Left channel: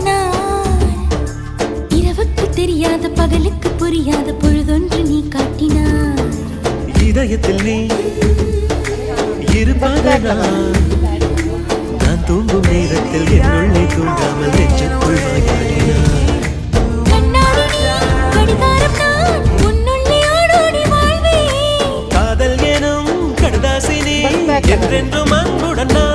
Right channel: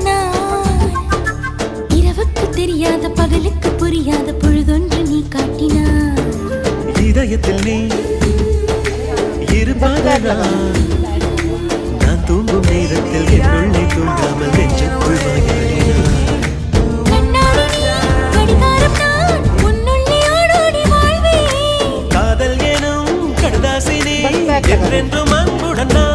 நான் இரவுக்கு தெரியாத பகலுக்கு புரியாத பொழுதொன்று நீ காட்டினாய். இதயத்தில் நீ இருப்பதனால் நான் தூங்கும் நேரத்தில் என்னுள்ளே தூங்காமல் நெஞ்சுக்குள் வாயாடினாய். கடிகாரம் நான் உன்னுள்ளே ஓடோடி வாழ்வேன். காதல் எனும் கடதாசினி என்றென்றும் அன்புடன் நான்